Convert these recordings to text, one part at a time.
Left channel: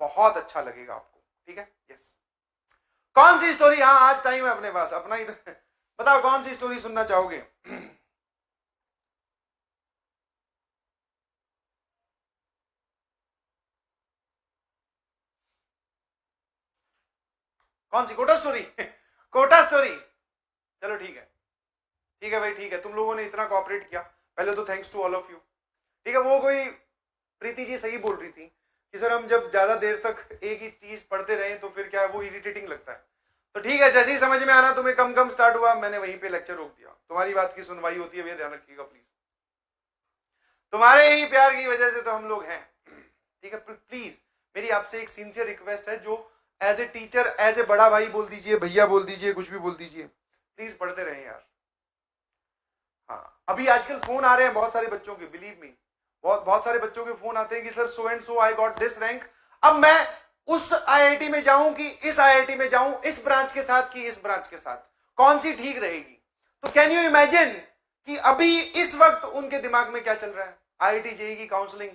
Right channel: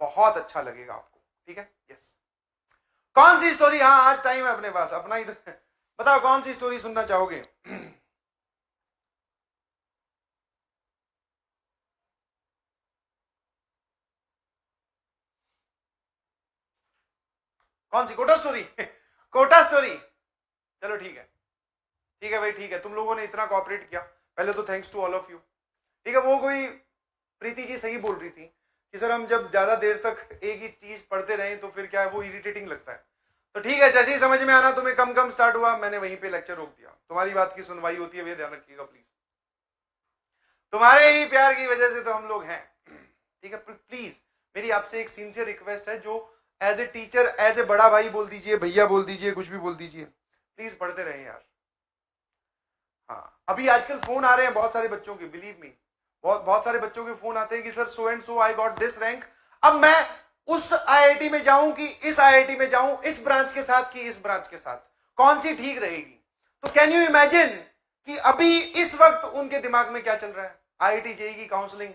बहुत अच्छा लगेगा आपको, ठीक है। यस, कौन सी स्टोरी, हाँ आज टाइम है अपने पास, अपना ही बताओ कौन सी स्टोरी सुनना चाहोगे? कौन सी, कोटा स्टोरी? कोटा स्टोरी, चलो ठीक है, ठीक है भाई, ठीक है, तुम लोगों ने इतना कोऑपरेट किया, पहले तो thanks to all of you. ठीक है, वो कोई प्रीति जी सही बोल रही थी कि सर हम जब ज्यादा देर तक एक ही चीज पढ़ते रहे तो फिर क्या है, वो इरिटेटिंग लगता है। तो ठीक है, जैसे ही समझ में आना तुम्हें कम कम स्टार्ट हुआ, मैंने वहीं पे लेक्चर रोक दिया। तुम्हारी बात की सुनवाई होती है भैया, ध्यान रखिएगा प्लीज, तुम्हारे ही प्यार की वजह से तो हम लोग हैं। ठीक है, प्लीज मेरी आपसे एक सिंसियर रिक्वेस्ट है, जो as a teacher, as a बड़ा भाई बोल दीजिए, भैया बोल दीजिए, कुछ भी बोल दीजिए, प्लीज पढ़ते रहें यार। हाँ, अभी आजकल फोन आ रहे हैं बहुत सारे बच्चों के, बिलीव मी, बहुत सारे बच्चों के फोन आते हैं कि sir so and so I got this rank, अब मैं उस आईआईटी में जाऊं कि इस आईआईटी में जाऊं, इस ब्रांच के साथ कि इस ब्रांच के साथ, कौन सी ठीक रहेगी? तो कैन यू इमेजिन कि अभी इस वक्त उनके दिमाग में क्या चल रहा है? आईआईटी जेईई की काउंसलिंग,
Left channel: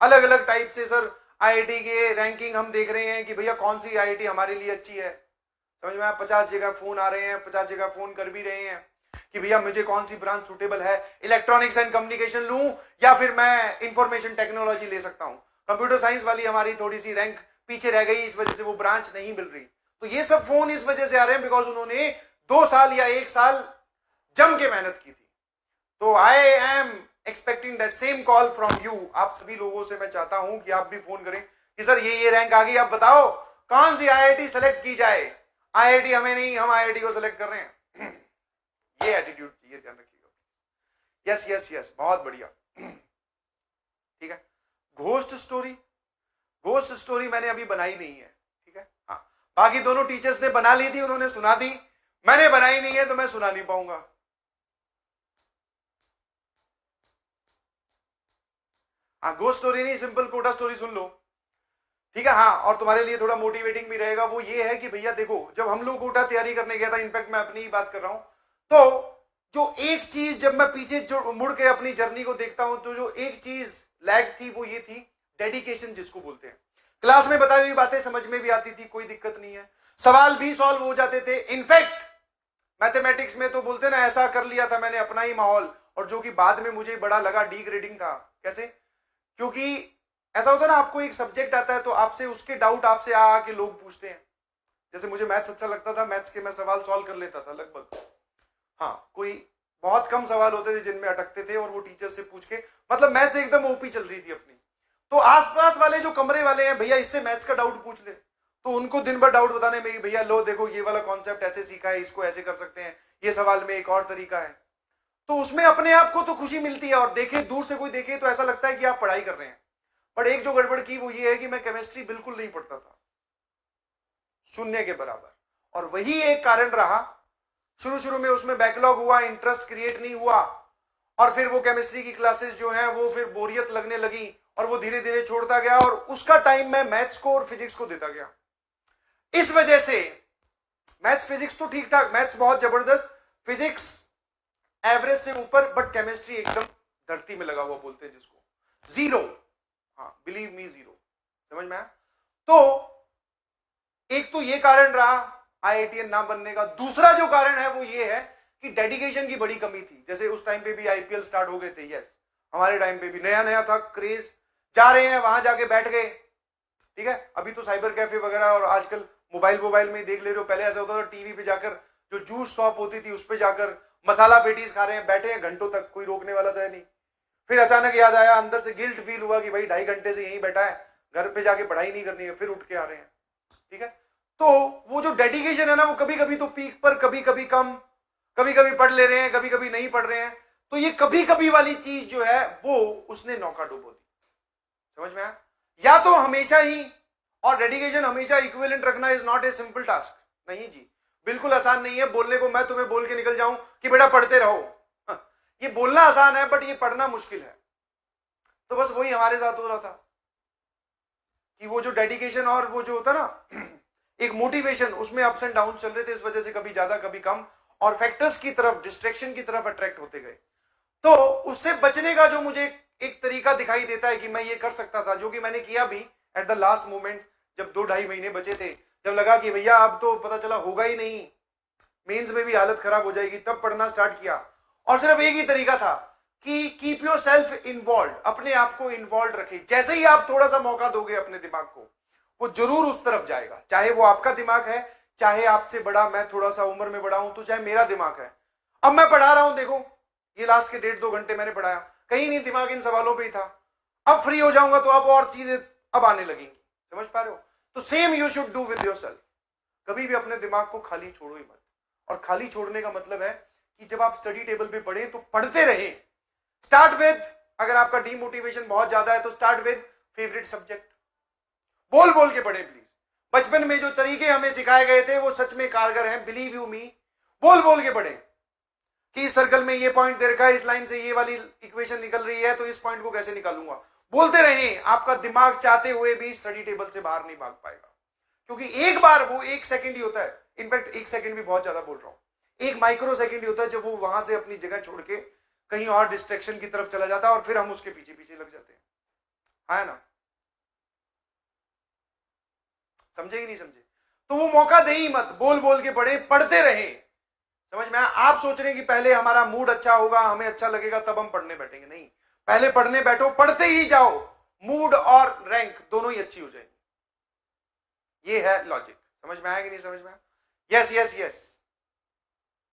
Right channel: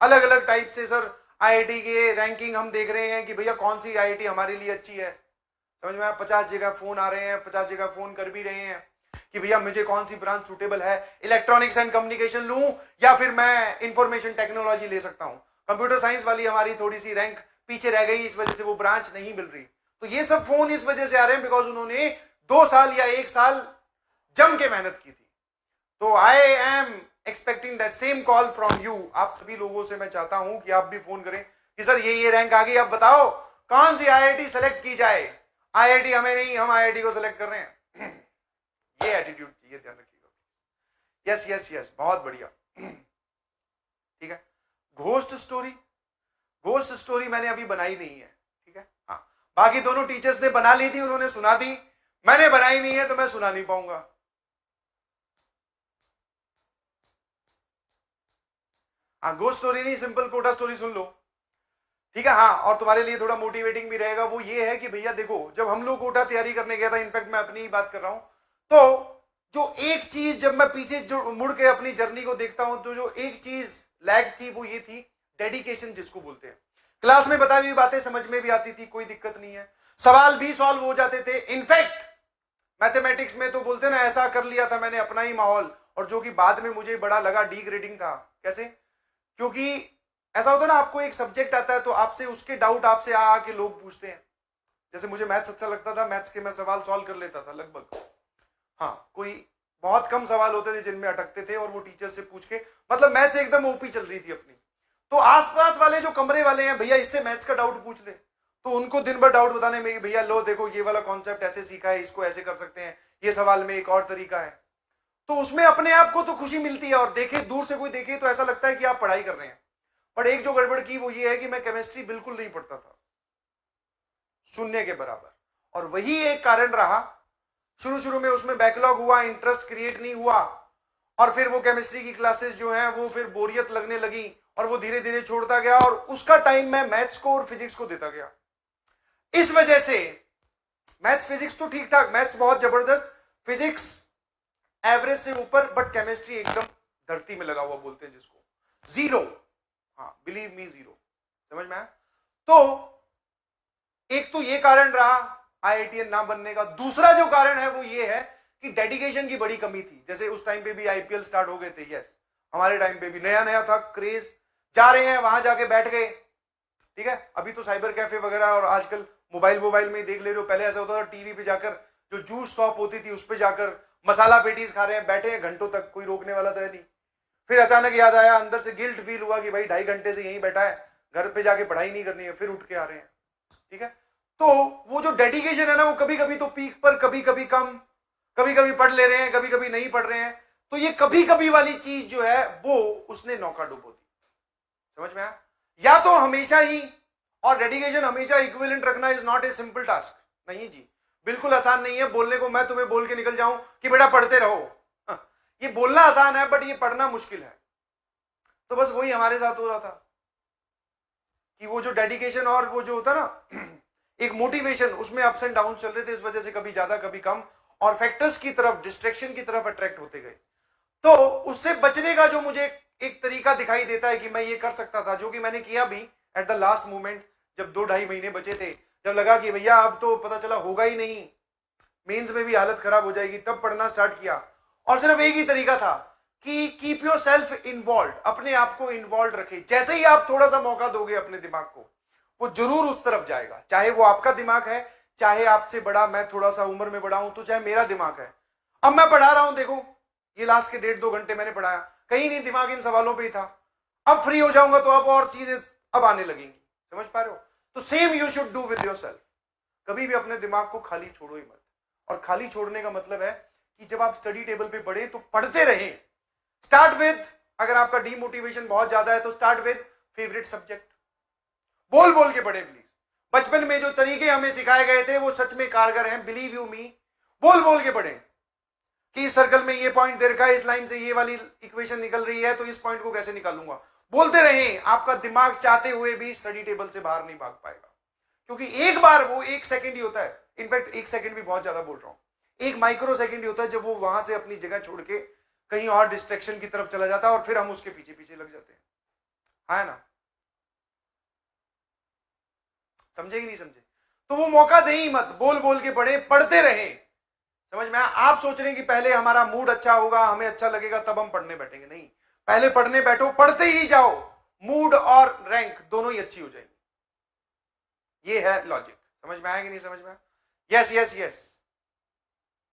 अलग अलग टाइप से सर आईआईटी के रैंकिंग हम देख रहे हैं कि भैया कौन सी आईआईटी हमारे लिए अच्छी है। समझ में आया? 50 जगह फोन आ रहे हैं, 50 जगह फोन कर भी रहे हैं कि भैया मुझे कौन सी ब्रांच सुटेबल है, इलेक्ट्रॉनिक्स एंड कम्युनिकेशन लूं या फिर मैं इंफॉर्मेशन टेक्नोलॉजी ले सकता हूं। कंप्यूटर साइंस वाली हमारी थोड़ी सी रैंक पीछे रह गई, इस वजह से वो ब्रांच नहीं मिल रही। तो ये सब फोन इस वजह से आ रहे हैं बिकॉज उन्होंने 2 साल या 1 साल जम के मेहनत की थी। तो I am expecting that same call from you. आप सभी लोगों से मैं चाहता हूं कि आप भी फोन करें कि सर ये रैंक आ गई, आप बताओ कौन सी आईआईटी सेलेक्ट की जाए। आईआईटी हमें नहीं, हम आईआईटी को सेलेक्ट कर रहे हैं। ये एटीट्यूड चाहिए, ध्यान रखिएगा। यस यस यस, बहुत बढ़िया। ठीक है, घोस्ट स्टोरी, घोस्ट स्टोरी मैंने अभी बनाई नहीं है, ठीक है। हाँ, बाकी दोनों टीचर्स ने बना ली थी, उन्होंने सुना दी, मैंने बनाई नहीं है तो मैं सुना नहीं पाऊंगा। हाँ, घोस्ट स्टोरी नहीं, सिंपल कोटा स्टोरी सुन लो, ठीक है। हाँ, और तुम्हारे लिए थोड़ा मोटिवेटिंग भी रहेगा। वो ये है कि भैया देखो, जब हम लोग कोटा तैयारी करने गया था, इनफैक्ट मैं अपनी ही बात कर रहा हूं, तो जो एक चीज जब मैं पीछे जो मुड़ के अपनी जर्नी को देखता हूं, तो जो एक चीज लैग थी वो ये थी, डेडिकेशन जिसको बोलते हैं। क्लास में बताई हुई बातें समझ में भी आती थी, कोई दिक्कत नहीं है, सवाल भी सॉल्व हो जाते थे। इनफैक्ट मैथमेटिक्स में तो बोलते ना, ऐसा कर लिया था मैंने अपना ही माहौल, और जो कि बाद में मुझे बड़ा लगा डी ग्रेडिंग था। कैसे? क्योंकि ऐसा होता है ना, आपको एक सब्जेक्ट आता है तो आपसे उसके डाउट आपसे आके लोग पूछते हैं। जैसे मुझे मैथ्स अच्छा लगता था, मैथ्स के मैं सवाल सॉल्व कर लेता था लगभग। हाँ, कोई बहुत कम सवाल होते थे जिनमें अटकते थे, और वो टीचर से पूछ के, मतलब मैथ्स एकदम ओपी चल रही थी अपनी। तो आसपास वाले जो कमरे वाले हैं, भैया इससे मैथ्स का डाउट पूछ ले, तो उनको दिन भर डाउट बताने में, भैया लो देखो ये वाला कॉन्सेप्ट ऐसे सीखा है, इसको ऐसे कर सकते हैं, ये सवाल में एक और तरीका है। तो उसमें अपने आप को तो खुशी मिलती है, और देखे दूर से कोई देखे तो ऐसा लगता है कि आप पढ़ाई कर रहे हैं। पर एक जो गड़बड़ की वो ये है कि मैं केमिस्ट्री बिल्कुल नहीं पढ़ता था, शून्य के बराबर। और वही एक कारण रहा, शुरू शुरू में उसमें बैकलॉग हुआ, इंटरेस्ट क्रिएट नहीं हुआ, और फिर वो केमिस्ट्री की क्लासेस जो हैं वो फिर बोरियत लगने लगी, और वो धीरे धीरे छोड़ता गया, और उसका टाइम मैं मैथ्स को और फिजिक्स को देता गया। इस वजह से मैथ्स फिजिक्स तो ठीक ठाक, मैथ्स बहुत जबरदस्त, फिजिक्स एवरेज से ऊपर, बट केमिस्ट्री एकदम धरती में लगा हुआ बोलते हैं जिसको, जीरो। हाँ, बिलीव मी, जीरो। समझ में आया? तो एक तो ये कारण रहा आईआईटीएन ना बनने का। दूसरा जो कारण है वो ये है कि डेडिकेशन की बड़ी कमी थी। जैसे उस टाइम पे भी आईपीएल स्टार्ट हो गए थे, यस, हमारे टाइम पे भी नया नया था क्रेज, जा रहे हैं वहां जाके बैठ गए, ठीक है। अभी तो साइबर कैफे वगैरह, और आजकल मोबाइल में देख ले रहे हो, पहले ऐसा होता था टीवी पे जाकर, जो जूस शॉप होती थी उस पर जाकर मसाला पेटीज खा रहे हैं, बैठे हैं घंटों तक, कोई रोकने वाला था नहीं। फिर अचानक याद आया, अंदर से गिल्ट फील हुआ कि भाई 2.5 घंटे से यहीं बैठा है, घर पे जाके पढ़ाई नहीं करनी है, फिर उठ के आ रहे हैं, ठीक है। तो वो जो डेडिकेशन है ना, वो कभी कभी तो पीक पर, कभी कभी कम, कभी कभी पढ़ ले रहे हैं, कभी कभी नहीं पढ़ रहे हैं। तो ये कभी कभी वाली चीज जो है वो उसने नौका डुबो दी। समझ में आया? या तो हमेशा ही, और डेडिकेशन हमेशा इक्विवेलेंट रखना is not a simple task. नहीं जी, बिल्कुल आसान नहीं है। बोलने को मैं तुम्हें बोल के निकल जाऊं कि बेटा पढ़ते रहो, ये बोलना आसान है, बट ये पढ़ना मुश्किल है। तो बस वही हमारे साथ हो रहा था कि वो जो डेडिकेशन और वो जो होता ना एक मोटिवेशन, उसमें अप्स एंड डाउन चल रहे थे, इस वजह से कभी ज्यादा कभी कम, और फैक्टर्स की तरफ, डिस्ट्रैक्शन की तरफ अट्रैक्ट होते गए। तो उससे बचने का जो मुझे एक तरीका दिखाई देता है कि मैं ये कर सकता था, जो कि मैंने किया भी, एट द लास्ट मोमेंट जब 2-2.5 महीने बचे थे, जब लगा कि भैया अब तो पता चला होगा ही नहीं, मेंस में भी हालत खराब हो जाएगी, तब पढ़ना स्टार्ट किया। और सिर्फ एक ही तरीका था कि कीप योर सेल्फ इन्वॉल्व, अपने आप को इन्वॉल्व रखें। जैसे ही आप थोड़ा सा मौका दोगे अपने दिमाग को, वो जरूर उस तरफ जाएगा, चाहे वो आपका दिमाग है, चाहे आपसे बड़ा, मैं थोड़ा सा उम्र में बड़ा हूं तो चाहे मेरा दिमाग है। अब मैं पढ़ा रहा हूं, देखो ये लास्ट के 1.5-2 घंटे मैंने पढ़ाया, कहीं नहीं दिमाग इन सवालों पे ही था। अब फ्री हो जाऊंगा तो अब और चीजें अब आने लगेंगी, समझ पा रहे हो? तो same you should do with yourself. कभी भी अपने दिमाग को खाली छोड़ो ही मत। और खाली छोड़ने का मतलब है कि जब आप स्टडी टेबल पे पढ़े तो पढ़ते रहे। स्टार्ट विद, अगर आपका डीमोटिवेशन बहुत ज्यादा है तो स्टार्ट विद फेवरेट सब्जेक्ट, बोल बोल के पढ़े प्लीज। बचपन में जो तरीके हमें सिखाए गए थे वो सच में कारगर हैं, बिलीव यू मी। बोल बोल के पढ़े कि इस सर्कल में ये पॉइंट दे रखा है, इस लाइन से ये वाली इक्वेशन निकल रही है, तो इस पॉइंट को कैसे निकालूंगा। बोलते रहे, आपका दिमाग चाहते हुए भी स्टडी टेबल से बाहर नहीं भाग पाएगा, क्योंकि एक बार वो 1 सेकंड ही होता है, इनफैक्ट 1 सेकंड भी बहुत ज्यादा बोल रहा हूं, 1 माइक्रो सेकंड ही होता है जब वो वहां से अपनी जगह छोड़ के कहीं और डिस्ट्रैक्शन की तरफ चला जाता है और फिर हम उसके पीछे पीछे लग जाते हैं, है ना? समझे कि नहीं समझे? तो वो मौका दे ही मत, बोल बोल के पढ़े, पढ़ते रहे। समझ में? आप सोच रहे हैं कि पहले हमारा मूड अच्छा होगा, हमें अच्छा लगेगा तब हम पढ़ने बैठेंगे, नहीं, पहले पढ़ने बैठो, पढ़ते ही जाओ, मूड और रैंक दोनों ही अच्छी हो जाएंगी। ये है लॉजिक। समझ में आया कि नहीं समझ में? Yes yes yes.